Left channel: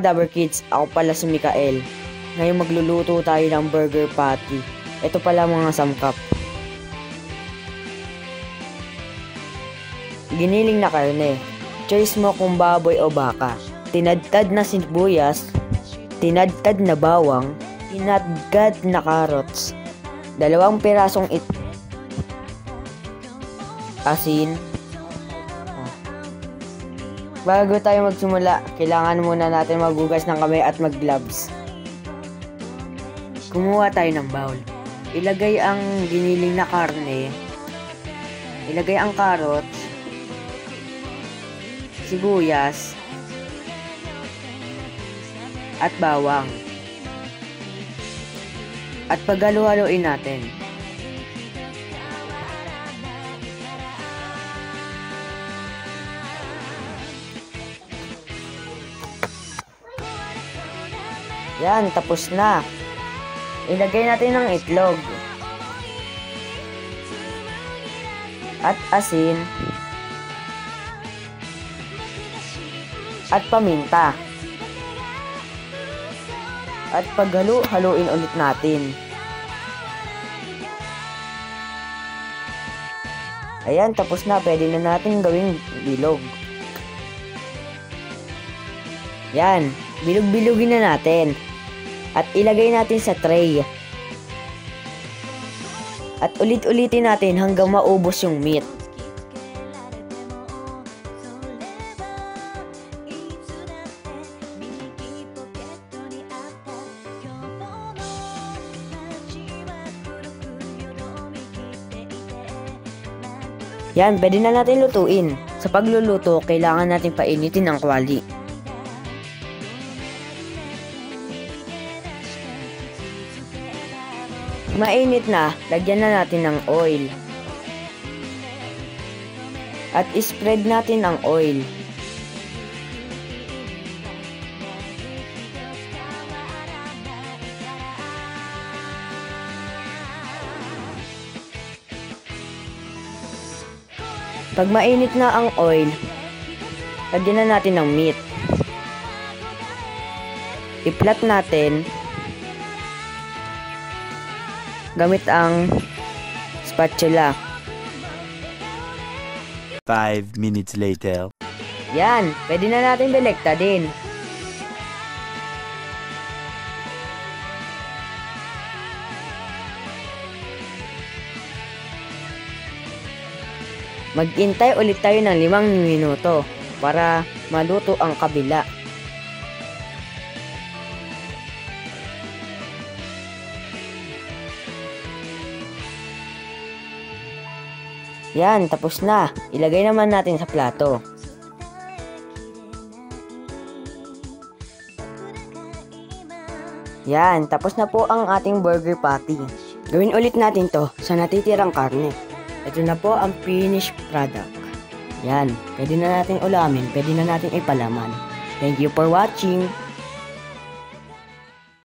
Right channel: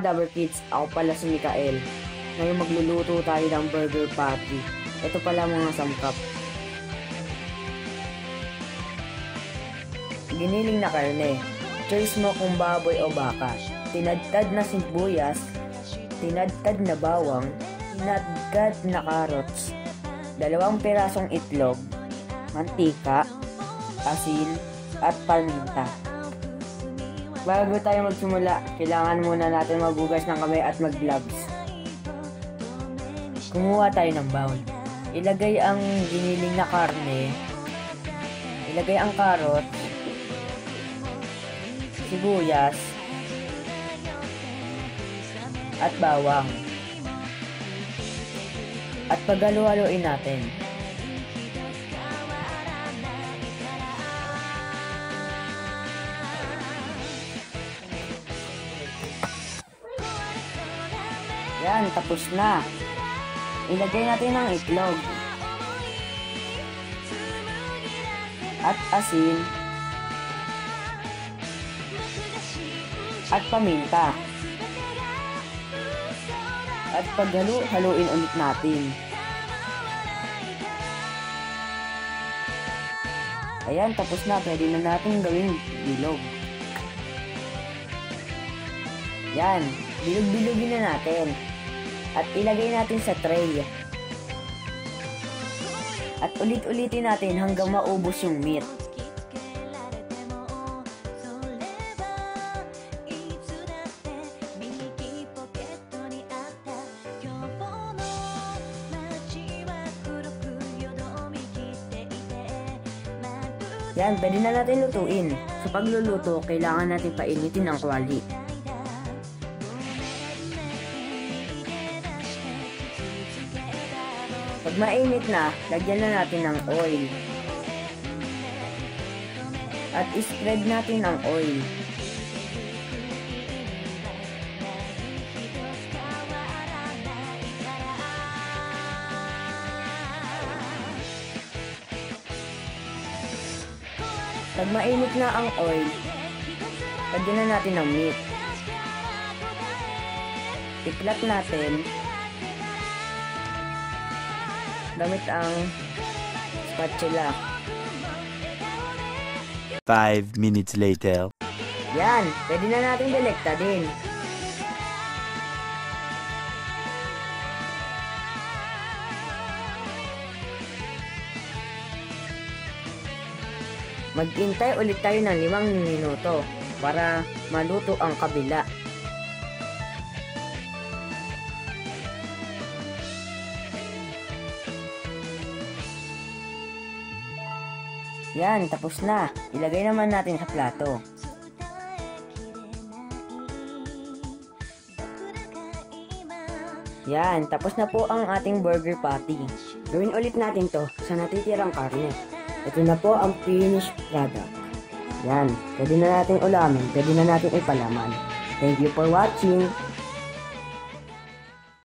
mga Dabber Kids, ako pala si Mikael. Ngayon magluluto tayo ng burger patty. Ito pala mga sangkap. Giniling na karne. Choice mo kung baboy o baka. Tinadtad na sibuyas, tinadtad na bawang, tinadgad na carrots, 2 pirasong itlog, mantika, asin, at paminta. Bago tayo magsimula, kailangan muna natin maghugas ng kamay at mag-gloves. Kumuha tayo ng bowl. Ilagay ang giniling na karne. Ilagay ang carrots, sibuyas, at bawang. At paghalo-haloin natin. Yan, tapos na. Ilagay natin ng itlog. At asin. At paminta. At paghalo-haloin ulit natin. Ayan, tapos na. Pwede na natin gawing bilog. Yan, bilog-bilogin na natin. At ilagay natin sa tray. At ulit-ulitin natin hanggang maubos yung meat. Yan, pwede na natin lutuin. Sa pagluluto, kailangan natin painitin ang kwali. Pag mainit na, lagyan na natin ng oil. At spread natin ang oil. Pag mainit na ang oil, lagyan na natin ng meat. I-flat natin gamit ang spatula. 5 minutes later. Yan, pwede na natin delekta din. Mag-intay ulit tayo ng 5 minuto para maluto ang kabila. Yan, tapos na. Ilagay naman natin sa plato. Yan, tapos na po ang ating burger patty. Gawin ulit natin to sa natitirang karne. Ito na po ang finished product. Yan, pwede na natin ulamin, pwede na natin ipalaman. Thank you for watching.